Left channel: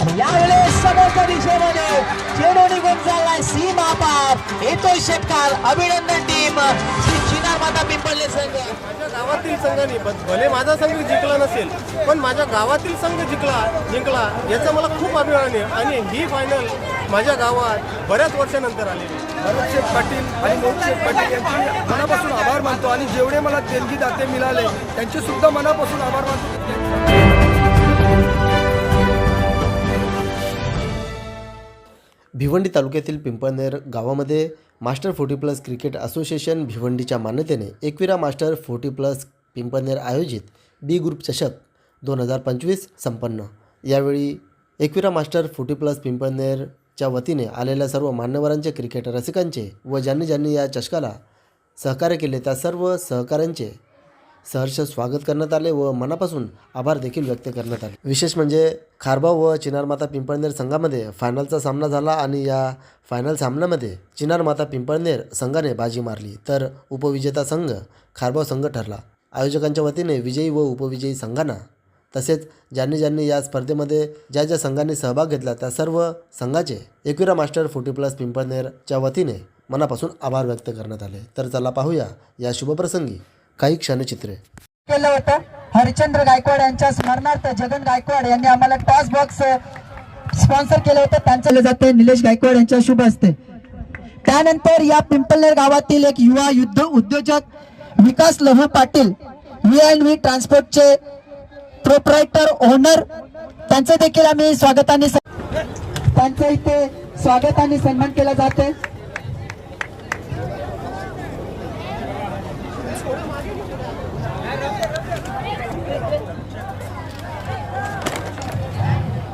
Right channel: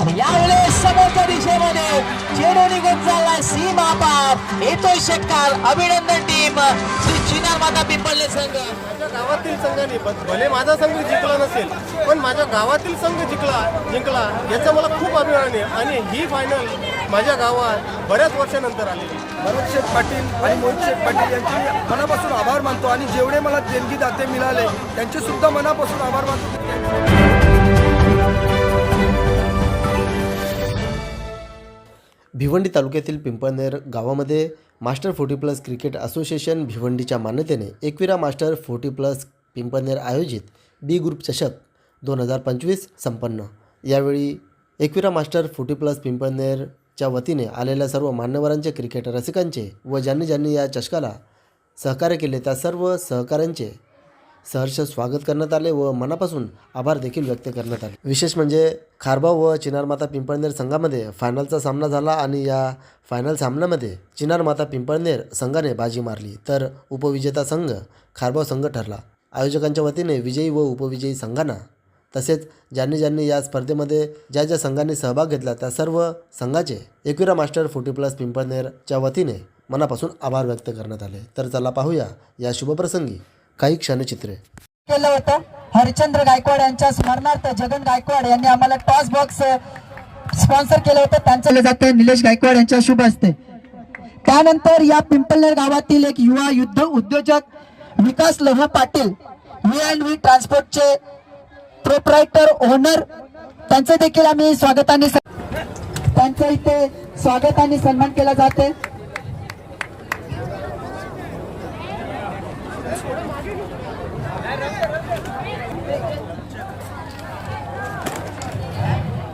यावेळेस समोरच्या दिशेमध्ये चेंडू निघून चाललाय सीमा पार, येतोय षटकार. अभिनंदन टीम श्री चिनार माता पिंपळणे संघ. माझ्या गावातील संघाने भले माझा संघ जिंकला नसेल, पण माझ्या गावातील संघ जिंकला याचा मला खूप अभिमान आहे. आणि ही फायनल माझ्या गावात बऱ्याच वर्षानंतर आली. भरत शेठ पाटील आणि मोहित शेठ पाटील यांचे मी मनापासून आभार मानतो आणि जेवढे मला देणगी दाते मिळाले त्यांचे सुद्धा मनापासून आभार मानतो. भिवंडी तालुक्यातील पिंपळनेर गावामध्ये मास्टर 40+ क्रिकेट असोसिएशन भिवंडीच्या मान्यतेने एकविरा मास्टर 40+ पिंपळनेर आयोजित बी ग्रुप चषक 2025 संपन्न. यावेळी एकविरा मास्टर 40+ पिंपळनेरच्या वतीने आलेल्या सर्व मान्यवरांचे, क्रिकेट रसिकांचे व ज्यांनी या चषकाला सहकार्य केले त्या सर्व सहकाऱ्यांचे सहर्ष स्वागत करण्यात आले व मनापासून आभार देखील व्यक्त करण्यात आले. विशेष म्हणजे खारबाव व चिनार माता पिंपळनेर संघामध्ये फायनलचा सामना झाला आणि या फायनल सामन्यामध्ये चिनार माता पिंपळनेर संघाने बाजी मारली तर उपविजेता संघ खारबाव संघ ठरला. आयोजकांच्या वतीने विजयी व उपविजयी संघांना तसेच ज्यांनी या स्पर्धेमध्ये ज्या संघांनी सहभाग घेतला त्या सर्व संघाचे एकविरा मास्टर 40+ पिंपळनेरच्या वतीने मनापासून आभार व्यक्त करण्यात आले. तर चला पाहूया या शुभप्रसंगी काही क्षणचित्रे. केलं होतं हरिचंद्र गायकवाड यांच्या स्मरणार्थ जगन गायकवाड यांनी आम्हाला टॉस बॉक्स स्पॉन्सर केलं होतं. त्यांचं जाते निलेश गायकवाड यांच्या शुभ हस्ते. त्यानंतर या पिंपळनेर गावातील एक युवा उद्योजक विकास लहू पाटील V&V ट्रान्सपोर्टचे प्रोप्रायटर ओनर, त्यांचं देखील आम्ही त्यांचं इथे स्वागताने सन्मान केला जाते.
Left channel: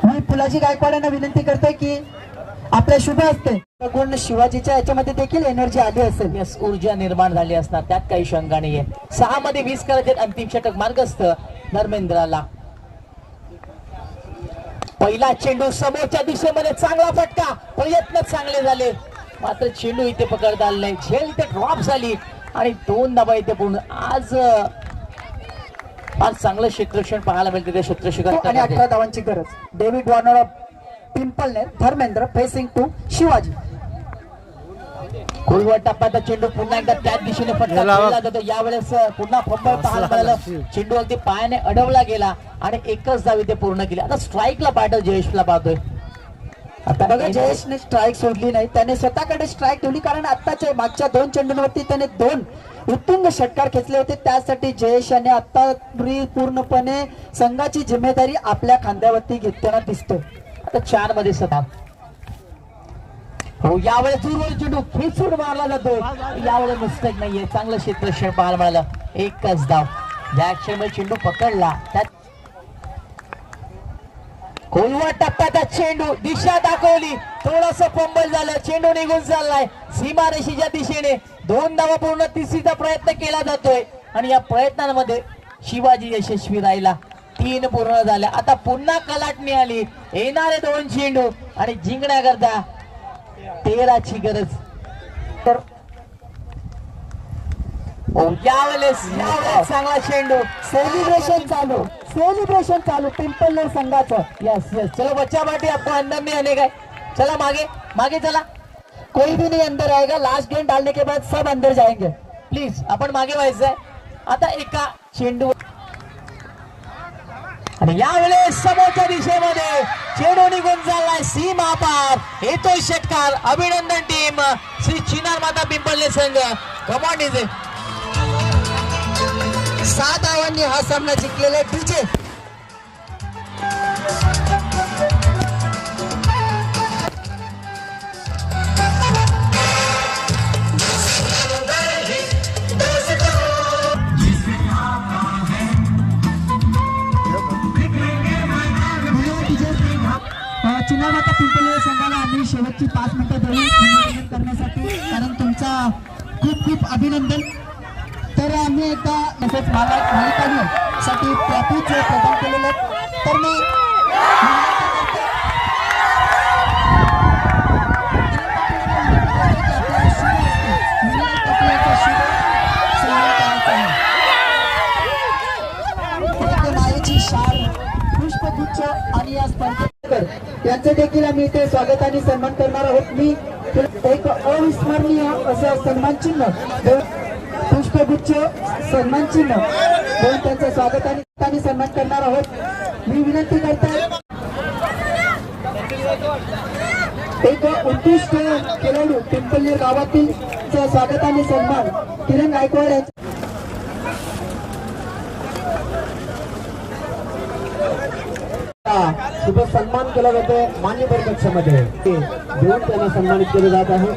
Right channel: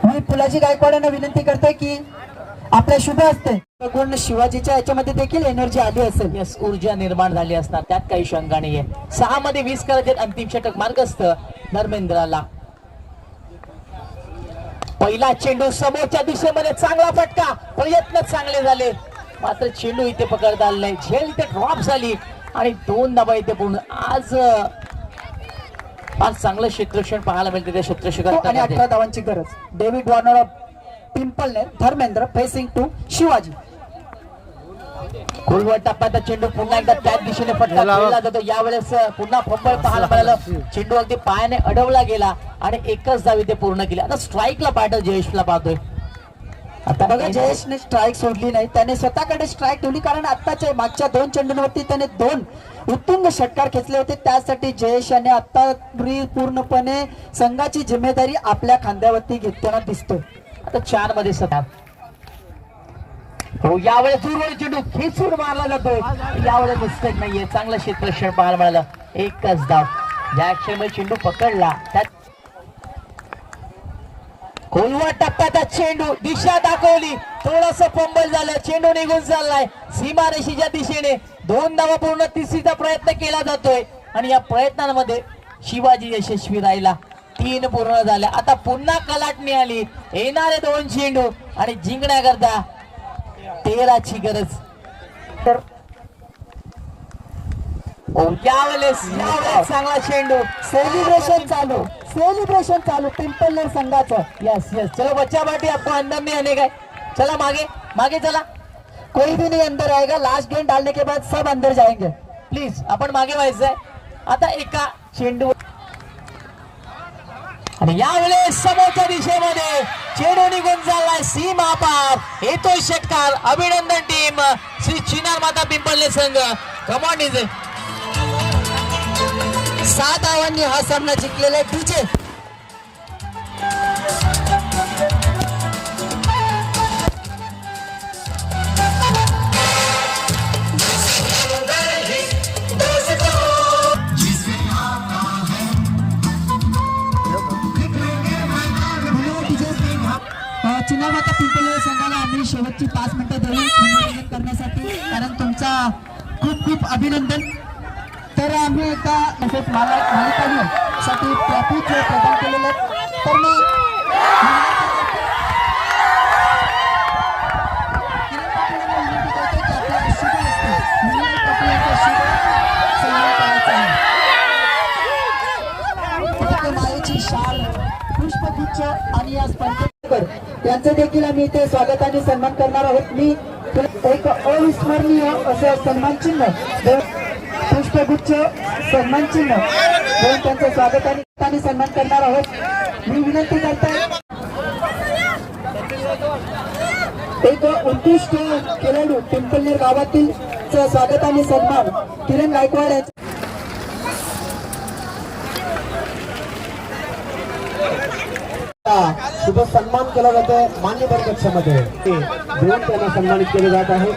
मी फुलाजी गायकवाडांना विनंती करते की आपल्या शुभ हस्ते गुण शिवाजीच्या याच्यामध्ये देखील एनर्जी आली असेल, ऊर्जा निर्माण झाली असणार, त्यात काही शंका नाहीये. 6 मध्ये 20 करत अंतिम षटक मार्गस्थ धर्मेंद्राला. पहिला चेंडू समोरच्या दिशेमध्ये, चांगला फटका, प्रयत्न चांगले झाले मात्र चेंडू इथे पकडता आला नाही. झेल इथे ड्रॉप झाली आणि 2 धावा इथे पूर्ण. आज फार चांगलं क्षेत्ररक्षण पाहायला मिळते त्या क्षेत्ररक्षकांना. आणि 18 धावांची गरज. David Warner of Pimpalner, Dharmendra facing to Shivaji. खोलवर टप्प्याचा चेंडू पुन्हा एकदा त्याच दिशेने फटका खेळला जातो. यावेळेस पुन्हा फंबल पाहायला मिळालं. चेंडू अगदी पायाने अडवला गेला आणि एकच धाव इथे पूर्ण केली. आता स्ट्राईकला पाहतो, जयेशला पाहतोय. आता बघा, जयेशने स्ट्राईक सोडली नाही, त्याने स्वतःकडे स्ट्राईक ठेवली कारण आताच्या मागच्या 2 चेंडूंवरती त्याने 2 उत्तुंग षटकार खेचले होते. त्यासाठी जयेश याने आता पूर्णपणे संघाची जिम्मेदारी आपल्या खांद्यावरती घेताना दिसतोय. आता 4 मध्ये 7. हो, यावेळेस दूरवर चेंडू खेचून मारला जातोय. यावेळेस मिस्टेक नाहीये, चांगलं क्षेत्ररक्षण पाहायला मिळालं. एकच धाव. ज्या क्षणी चेंडू पकडला त्यात खोलवर टप्प्याचा चेंडू, दिशा दाखवली, थोडस फंबल झालं, चेंडू निघून चाललाय सीमारेषेच्या दिशेने. 2 धावा पूर्ण, तिसरीचा प्रयत्न केला जातोय आणि या प्रयत्नांमध्ये शिवाजी यशस्वी राहिला. 3 पूर्ण झाल्या. आता पुन्हा कलाटणी आली. येणारे 2 चेंडू आणि जिंकण्याकरता 13ची गरज. तर त्यावेळेस चांगला चेंडू, सेलिब्रेशन चालू पिंपळनेर संघाचं. यस चलो बच्चा बाटी, आपको अंदर नहीं आने का. चला मागे चला. कोई भी नहीं अंदर आएगा. लास्ट गेंद डालने के बाद सब अंदर जाएंगे प्लीज. आपण मागे व्हायचंय. आता एका चेंडू आणि यावेळेस समोरच्या दिशेमध्ये चेंडू निघून चाललाय सीमा पार, येतोय षटकार. अभिनंदन टीम श्री चिनार माता पिंपळनेर संघ. कमांड इज 7 धावांनी हा सामना जिंकलेला डीजे. चिनार माता पिंपळनेर संघाला आम्ही शेवटची 5 मिनिटं देऊ मनोरंजन करण्यासाठी, कारण तुमचा खूप अभिनंदन. तर आम्ही एका साठी ट्रॉफी प्रदान केलेलं. तर मग मायेची शाल, पुष्पगुच्छ आणि या स्पर्धेत यांचं देखील आम्ही इथे स्वागत आणि सन्मान करणार आहोत. मी एक अविस्मरणीय असं सन्मान चिन्ह पुष्पगुच्छ सन्मान चिन्ह देऊन त्यांचं स्वागत आणि सन्मान करणार आहोत. मी विनंती करतो एक उत्कृष्ट खेळाडू पिंपळनेर गावातील स्वागत आणि सन्मान किरण गायकवाड यांचं शुभ सन्मान केला जातो. मान्यवर कक्षामध्ये देऊन त्यांना सन्मानित केले जात आहे.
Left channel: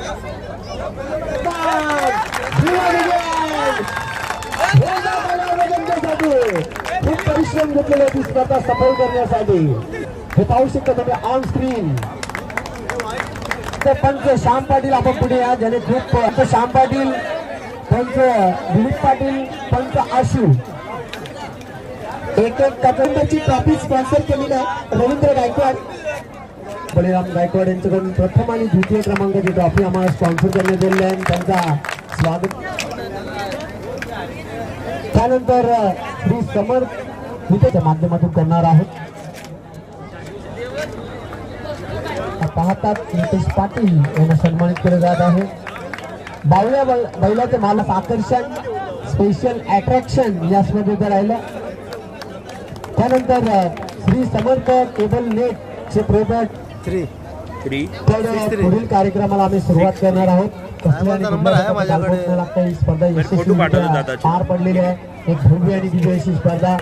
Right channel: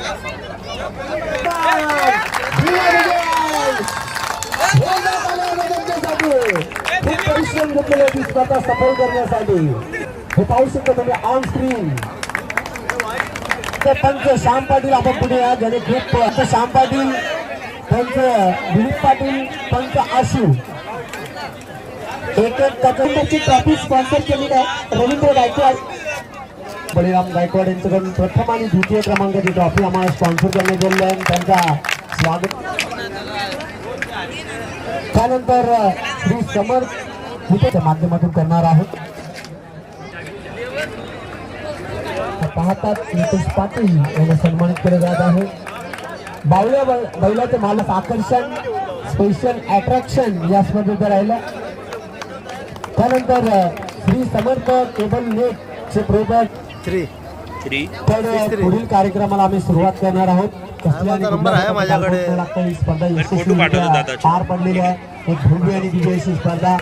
खूप परिश्रम घेतलेले ती स्पर्धा सफल करण्यासाठी हे पाहू शकतो तुम्ही ऑन स्क्रीन. पंच श्याम पाटील आपण पुढे या ज्याने खूप श्याम पाटील पंच दिलीप पाटील पंच आशू एक त्याच्यानंतरची ट्रॉफी स्पॉन्सर केलेली आहे रवींद्र गायकवाड बळीराम गायकवाड यांच्याकडून प्रथम आणि द्वितीय क्रमांकाची ट्रॉफी आम्हाला स्पॉन्सर करण्यात आलेली आहे. त्यांचा स्वागत. त्यानंतर श्री समर्थ गीतेच्या माध्यमातून करणार आहोत. पाहतात नितेश पाटील यांना सन्मानित केले जात आहे. बावल्या बैलाचे मालक आकर्षण स्पेशल अट्रॅक्शन या स्पर्धेत राहिलं. त्यानंतर श्री समर्थ केबल नेटचे प्रोडक्ट पुढील कार्यक्रमाला आम्ही सुरुवात करणार आहोत. नंबर आहे माझ्याकडे. ही स्पर्धा यशस्वीरित्या पार पडलेली आहे. एक भव्य आणि दिव्य अशी स्पर्धा.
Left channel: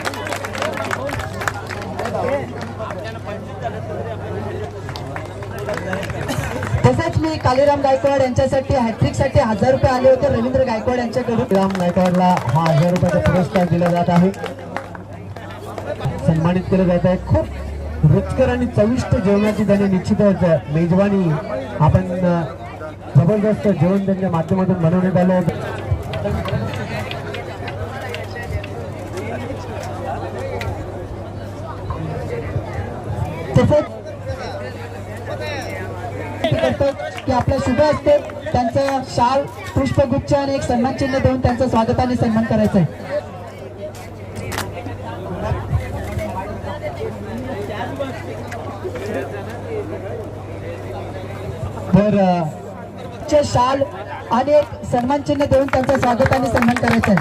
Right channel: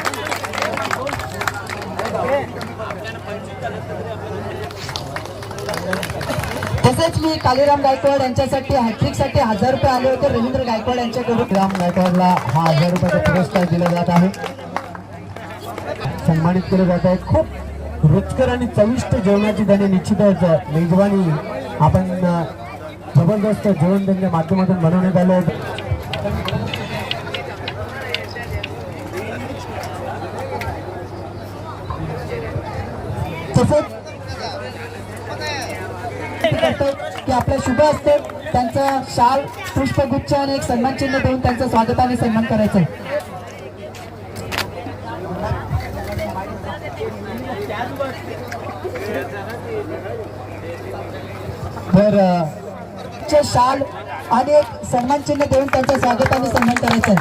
तसेच मी कालीराम गायकवाड यांच्यासाठी हॅट्रिक साठी 1000 रुपये आले होते रवींद्र गायकवाड यांच्याकडून. राम गायकवाडला हा 1000 रुपयाचा पुरस्कार दिला जात आहे. सन्मानित केलं जात आहे. खूप रुचकर आणि चविष्ट जेवणाची त्याने निश्चितच मेजवानी आपण जबरदस्त जेवण त्यांच्या माध्यमातून बनवण्यात आलं आहे. तसेच की आपल्या शुभ असते त्यांचा शाल पुष्पगुच्छ आणि एक सन्मान चिन्ह देऊन त्यांचं स्वागत आणि सन्मान करायचं. तर शाल आणि एक सन्मान चिन्ह देऊन त्यांचं स्वागत आणि सन्मान करायचं.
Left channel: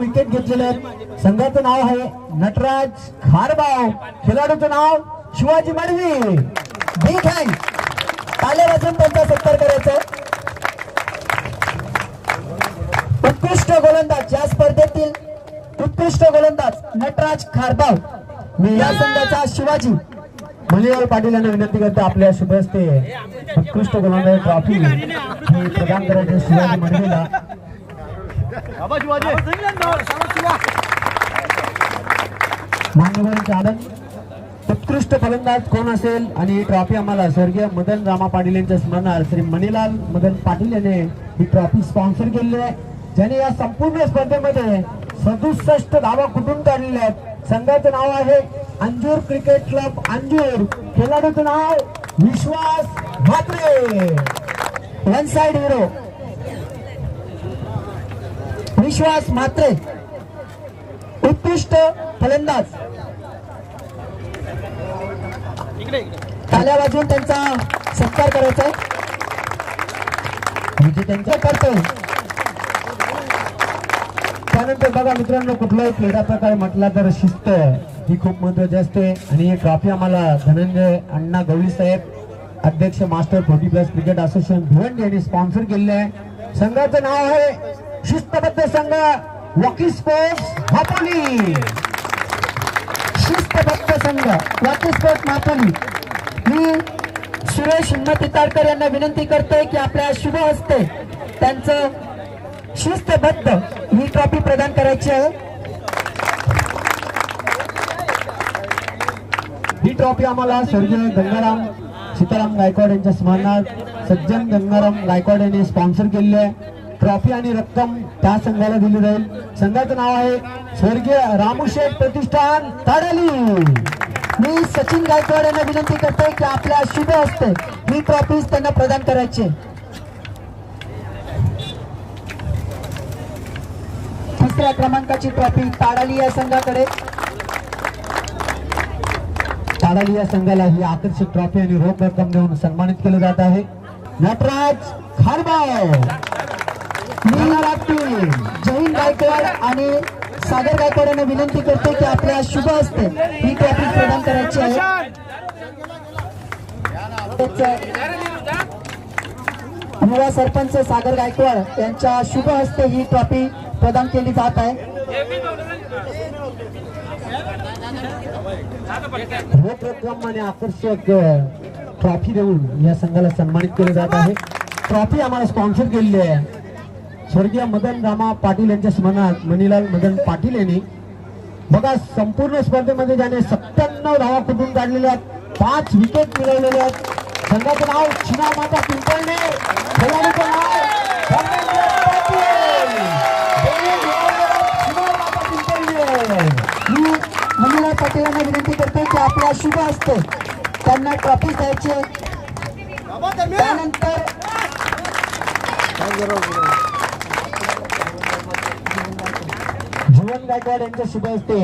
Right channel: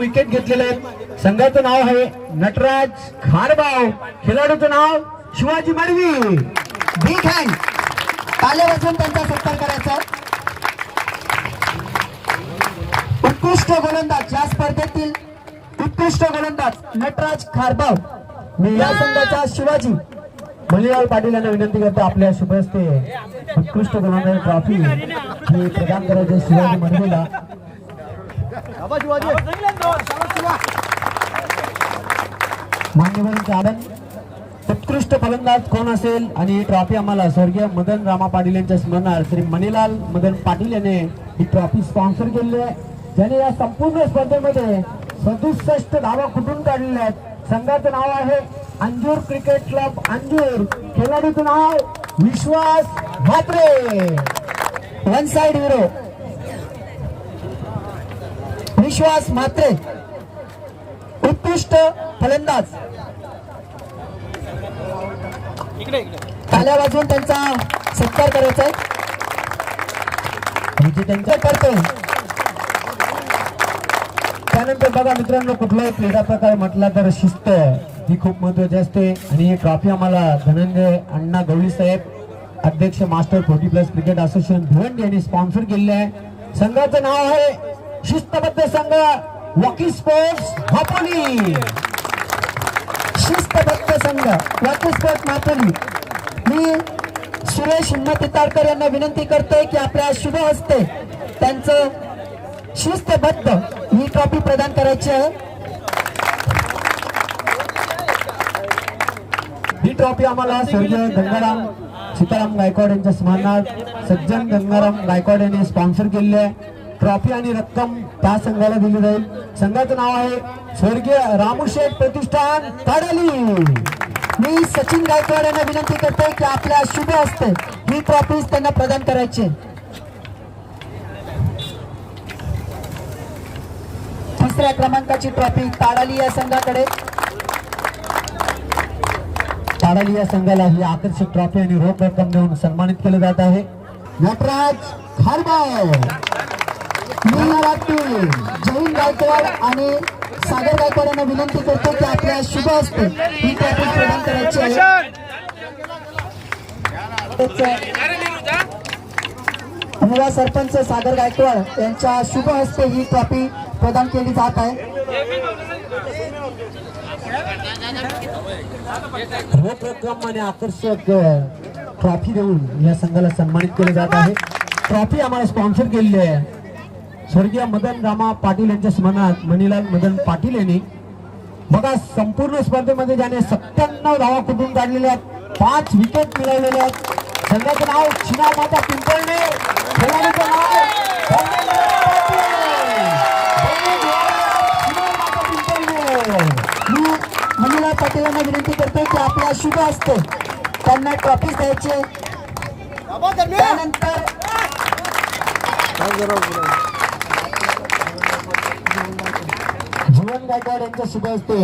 विकेट घेतलेले आहेत. संघाचं नाव आहे नटराज खारबाव. खेळाडूचं नाव शिवाजी मडवी. बिग हँड ताल्या वाजवून त्यांचा सत्कार करायचा. उत्कृष्ट गोलंदाज या स्पर्धेतील उत्कृष्ट गोलंदाज नटराज खारबाव. मी या संघाचा शिवाजी मलिराव पाटील यांना विनंती करतो आपल्या शुभ हस्ते उत्कृष्ट गोलंदाज ट्रॉफी ही प्रदान करायची शिवाजी मडवीला. मान्यवरांचे आनंद. उत्कृष्ट फलंदाज कोण असेल आणि ही ट्रॉफी आम्हाला स्वर्गीय मदन रामा पाटील यांच्या स्मरणार्थ श्री मणिलाल मदन पाटील यांनी ही ट्रॉफी स्पॉन्सर केली आहे. ज्याने या संपूर्ण स्पर्धेमध्ये 67 धावा कुठून काढलेल्या आहेत. संघाचं नाव आहे अंजूर क्रिकेट क्लब अंजूर. खेळाडूचं नाव विश्वास म्हात्रे. वन साइड हिरो विश्वास म्हात्रे. उत्कृष्ट फलंदाज. ताल्या वाजवून त्यांचा सत्कार करायचा आहे. त्यांचं करतोय. त्यानंतर बघा मित्रांनो कुठलाही क्रीडा प्रकार म्हटला तर शिस्त ही खूप महत्वाची असते. आणि ही ट्रॉफी आम्हाला धनंजय अण्णा गवळी साहेब अध्यक्ष मास्टर 40+ क्रिकेट असोसिएशन भिवंडी यांनी स्पॉन्सर केलेले आहे. संघाचं नाव आहे शिस्तबद्ध संघ वॉकी स्पोर्ट्स मापोली. शिस्तबद्ध संघ वॉकी स्पोर्ट्स मापोली. मी सुरेश पितारकर यांना विनंती करते की आपल्या शुभ हस्ते त्यांचं शिस्तबद्ध ही ट्रॉफी प्रदान करायची आहे. ही ट्रॉफी आम्हाला स्वर्गीय गंगाराम सीताराम गायकवाड यांच्या स्मरणार्थ सज्जन गंगाराम गायकवाड यांनी स्पॉन्सर केलेली आहे. ट्रॉफी आणि रक्कम त्या संघाला दिली जाईल. संघाचं नाव आहे स्वर्गीय रामूशेठ प्रतिष्ठान ताडली. मी सचिन गायकवाड यांना विनंती करते की आपल्या शुभ हस्ते ही ट्रॉफी त्यांना प्रदान करायची. तिसऱ्या क्रमांकाची ट्रॉफी ताडाली या संघाकडे. ताडाली या संघाला ही आकर्षक ट्रॉफी आणि रोख रक्कम देऊन सन्मानित केले जात आहे. नटराज खारबाव, जैन गायकवाड आणि सागर गायकवाड यांना विनंती करतो की आपल्या शुभ हस्ते ही ट्रॉफी प्रदान करायची आहे. युवा सरपंच सागर गायकवाड यांच्या शुभ हस्ते ही ट्रॉफी प्रदान केली जात आहे. रोख रक्कम आणि आकर्षक ट्रॉफी देऊन या संघाला सन्मानित केले जात आहे. ट्रॉफी आम्हाला स्पॉन्सर केलेली आहे स्वर्गीय मदन रामा पाटील यांच्या स्मरणात मणिलाल मदन पाटील यांनी. बघा, संपूर्ण स्पर्धेमध्ये ज्याने 97 धावा कुठून काढलेल्या आहेत, 5 विकेट मिळवलेले आहेत. संघाचं नाव चिनार माता पिंपळणे, खेळाडूचं नाव धर्मेंद्र पाटील. चिनार माता पिंपळणे. मी मणिलाल पाटील यांना विनंती करते की आपल्या शुभ हस्ते त्यांना ट्रॉफी द्यायची. त्यानंतर जीवन गायकवाड यांच्या शुभ हस्ते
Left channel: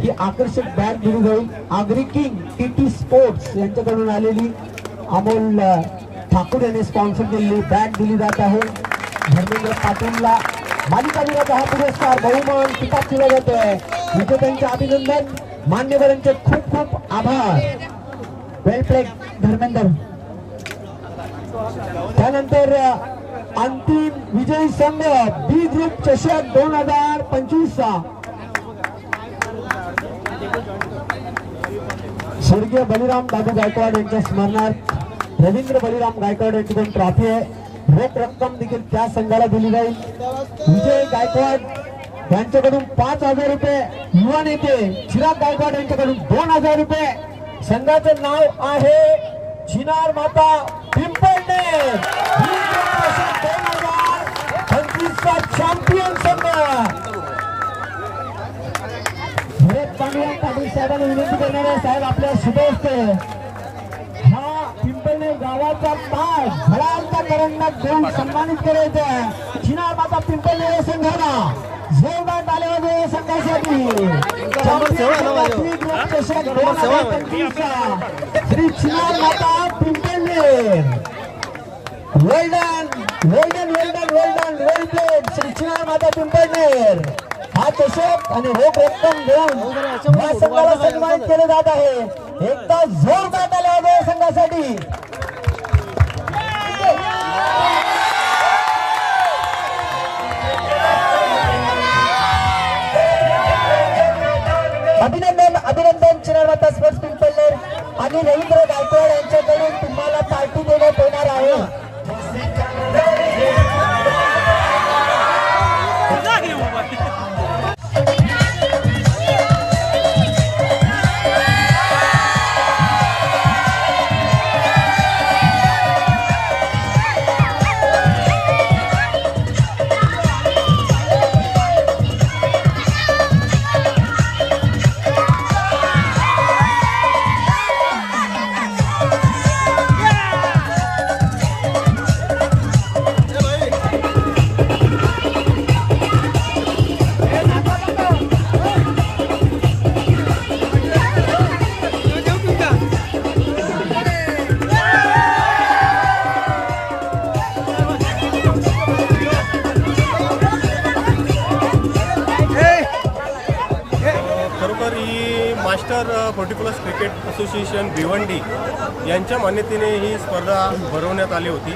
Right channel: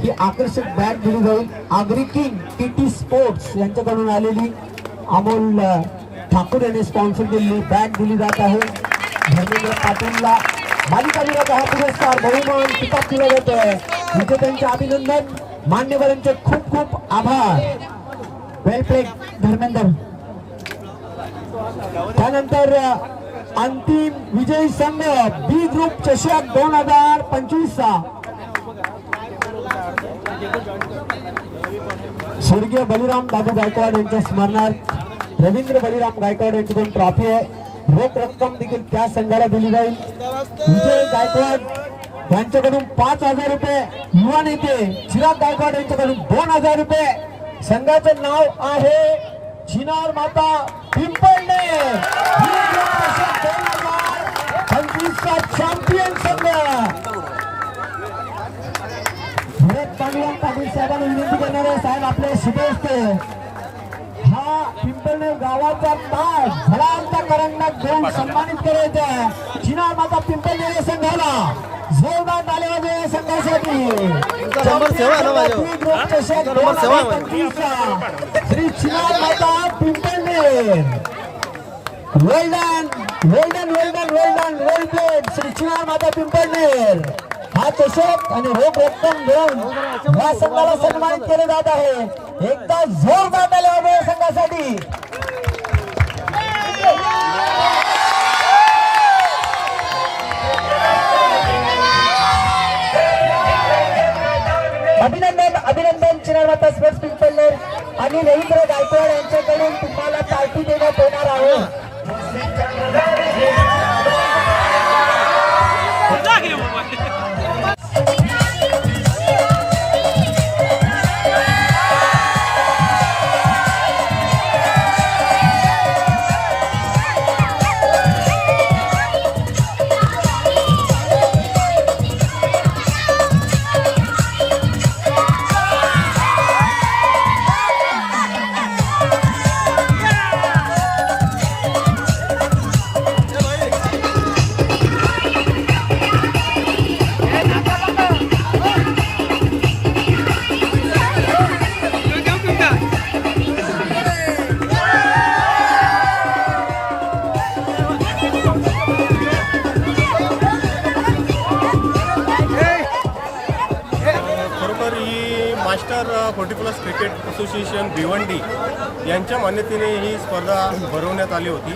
ही आकर्षक बॅग दिली जाईल. आगरी किंग टीटी स्पोर्ट्स यांच्याकडून आलेली अमोल ठाकूर यांनी स्पॉन्सर केलेली बॅग दिली जात आहे. धर्मेंद्र पाटीलला मालिका विराचा हा पुरस्कार बहुमान किताब दिला जात आहे. विजेत्यांचे अभिनंदन, मान्यवरांचे खूप खूप आभार. वेल प्लेड धर्मेंद्र. त्यानंतर अंतिम विजयी संघ बी ग्रुप चषक 2025 स्वर्गीय बलिराम दादू गायकवाड यांच्या स्मरणार्थ रवींद्र बलिराम गायकवाड यांची ट्रॉफी आहे. रोख रक्कम देखील त्या संघाला दिली जाईल. विजय गायकवाड यांच्याकडून 5,000 रुपये, युवा नेते चिराग गायकवाड यांच्याकडून 2,000 रुपये. संघाचं नाव आहे चिनार माता पिंपळणे. 2025चा चॅम्पियन संघ. भरत पांडुरंग पाटील साहेबांनी विनंती करणार आहे, साहेब आपल्या शुभ हस्ते हा पिंपळणे गावाचा ताज झळांच्या करंडक देऊन सन्मानित करायचे. चिनार माता पिंपळणे या संघाला जोरदार टाळ्या द्या या संघासाठी. श्री चिनार माता पिंपळणे. वेल्डन वेल्डन वेल्डन वेल्डन वेल प्लेड श्री चिनार माता पिंपळणे. हा चषक आणि रोख रक्कम देऊन या संघाला सन्मानित केले जात आहे. एकदा जोरदार टाळ्या द्या या संघासाठी. अभिनंदन अभिनंदन चिनार माता स्पोर्ट्स पिंपळणे आणि रवींद्र गायकवाड यांच्याकडून तुम्हाला पार्टी देण्यात येणार आहे. मास्टर 40+ क्रिकेट असोसिएशन भिवंडी यांच्या मान्यतेने ही स्पर्धा भरवण्यात आली होती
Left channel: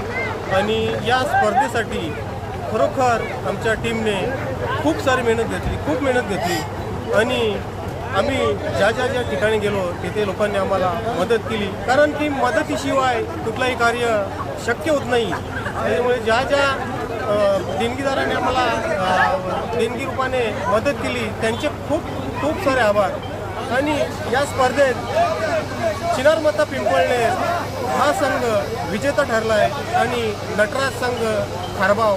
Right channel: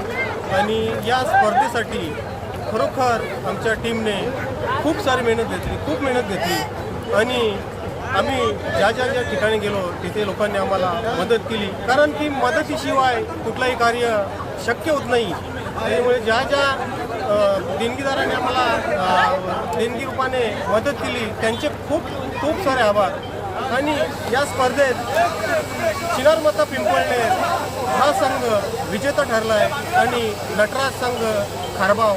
आणि या स्पर्धेसाठी खरोखर आमच्या टीमने खूप मेहनत घेतली आणि आम्ही ज्या ठिकाणी गेलो तिथे लोकांनी आम्हाला मदत केली, कारण ती मदतीशिवाय कुठलाही कार्य शक्य होत नाही. त्यामुळे ज्या देणगीदारांनी आम्हाला देणगी रूपाने मदत केली त्यांचे खूप सारे आभार. आणि या स्पर्धेत चिनार माता पिंपळणे हा संघ विजेता ठरला आहे आणि नटराज संघ खारबाव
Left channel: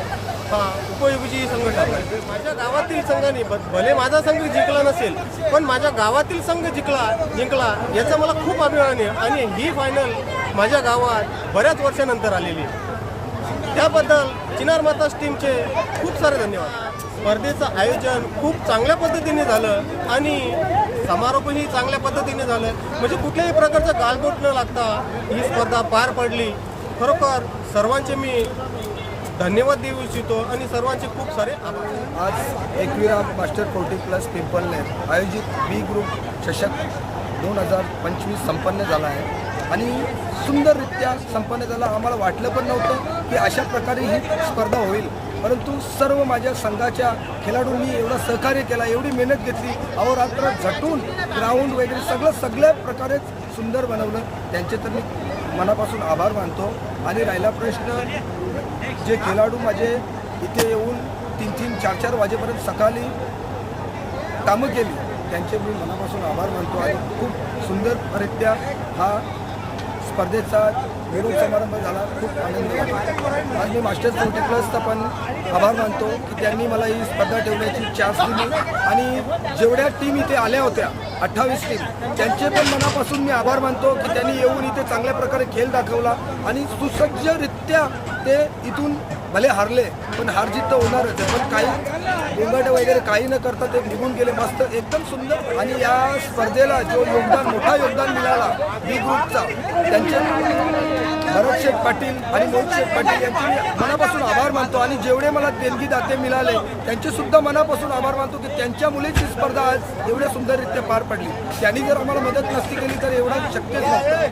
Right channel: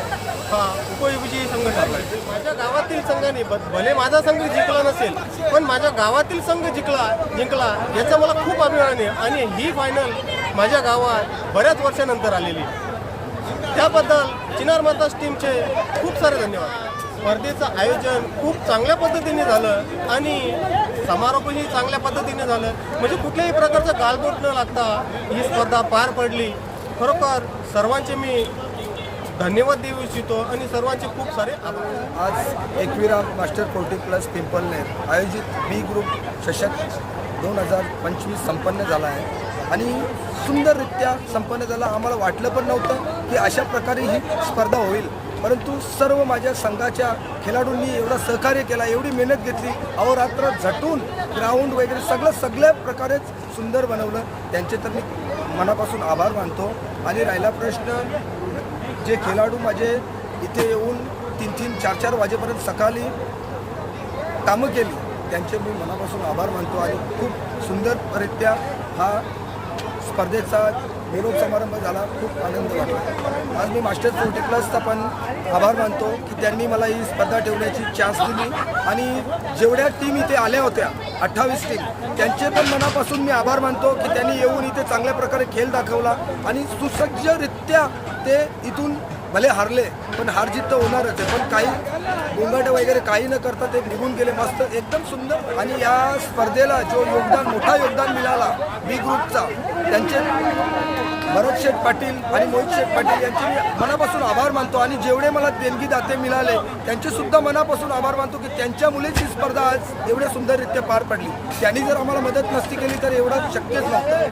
हा उपविजयी संघ ठरला आहे. माझ्या गावातील संघाने भले माझा संघ जिंकला नसेल पण माझ्या गावातील संघ जिंकला याचा मला खूप अभिमान आहे आणि ही फायनल माझ्या गावात बऱ्याच वर्षानंतर आलेली आहे. त्याबद्दल चिनार माता टीमचे खूप सारे धन्यवाद. स्पर्धेचं आयोजन खूप चांगल्या पद्धतीने झालं आणि समारोपही चांगल्या पद्धतीने झालं. म्हणजे कुठल्याही प्रकारचं गालबोट न लागता ही स्पर्धा पार पडली. खरोखर सर्वांचे मी धन्यवाद देऊ इच्छितो आणि सर्वांचे खूप सारे आभार. आज एकविरा मास्टर 40+ पिंपळनेर आयोजित बी ग्रुप चषक 2025 संपन्न झाला आहे आणि सुंदररित्या संपन्न झाला. आम्हाला वाटलं पण नव्हतं की अशा प्रकारे ही स्पर्धा होईल, परंतु सर्व माझ्या संघाच्या खेळाडूंनी एवढा सहकार्य केला, एवढी मेहनत घेतली, अहोरात्र झटून ग्राउंड वगैरे सगळ्या प्रकारे सुंदर बनवलं. त्यांचे तर मी मनापासून आभार मानतो. आणि राहिला प्रश्न, जे खेळाडू माझे इथे येऊन 3-3, 4-4 वाजेपर्यंत सकाळी कामं केली, त्यांचे मी मनापासून आभार मानतो. आणि खूप सुंदररित्या हा स्पर्धेचा निरोप समारंभ झाला. खूप आनंद वाटला. आज मी मास्टर 40+चा पण आभार मानतो की त्यांनी मला ही स्पर्धा ठेवण्याची चान्स दिली. आणि जेवढ्या टीम इथे आल्या होत्या 28 टीम, त्यांचे पण मनापासून मी आभार मानतो की त्यांनी येऊन इथे चांगल्या प्रकारे खेळ दाखवला आणि सुसज्जरित्या ते इथून भले हारले पण हार जीत तर होणारच आहे, पण काही गोंगाट वगैरे काही न करता ते निघून गेले मस्त एकदम सुंदर. आणि या स्पर्धेला जो मोठा योगदान मिळाला बी ग्रुपचा, त्यांचे भरत शेठ पाटील आणि मोहित शेठ पाटील यांचे मी मनापासून आभार मानतो. आणि जेवढे मला देणगी दाते मिळाले त्यांचे सुद्धा मनापासून आभार मानतो की त्यांच्यामुळेच ही स्पर्धा आज एवढ्या सुंदररित्या पार पडली. त्यांनी जर आम्हाला मदत नसती केली तर एवढं शक्यच नव्हतं.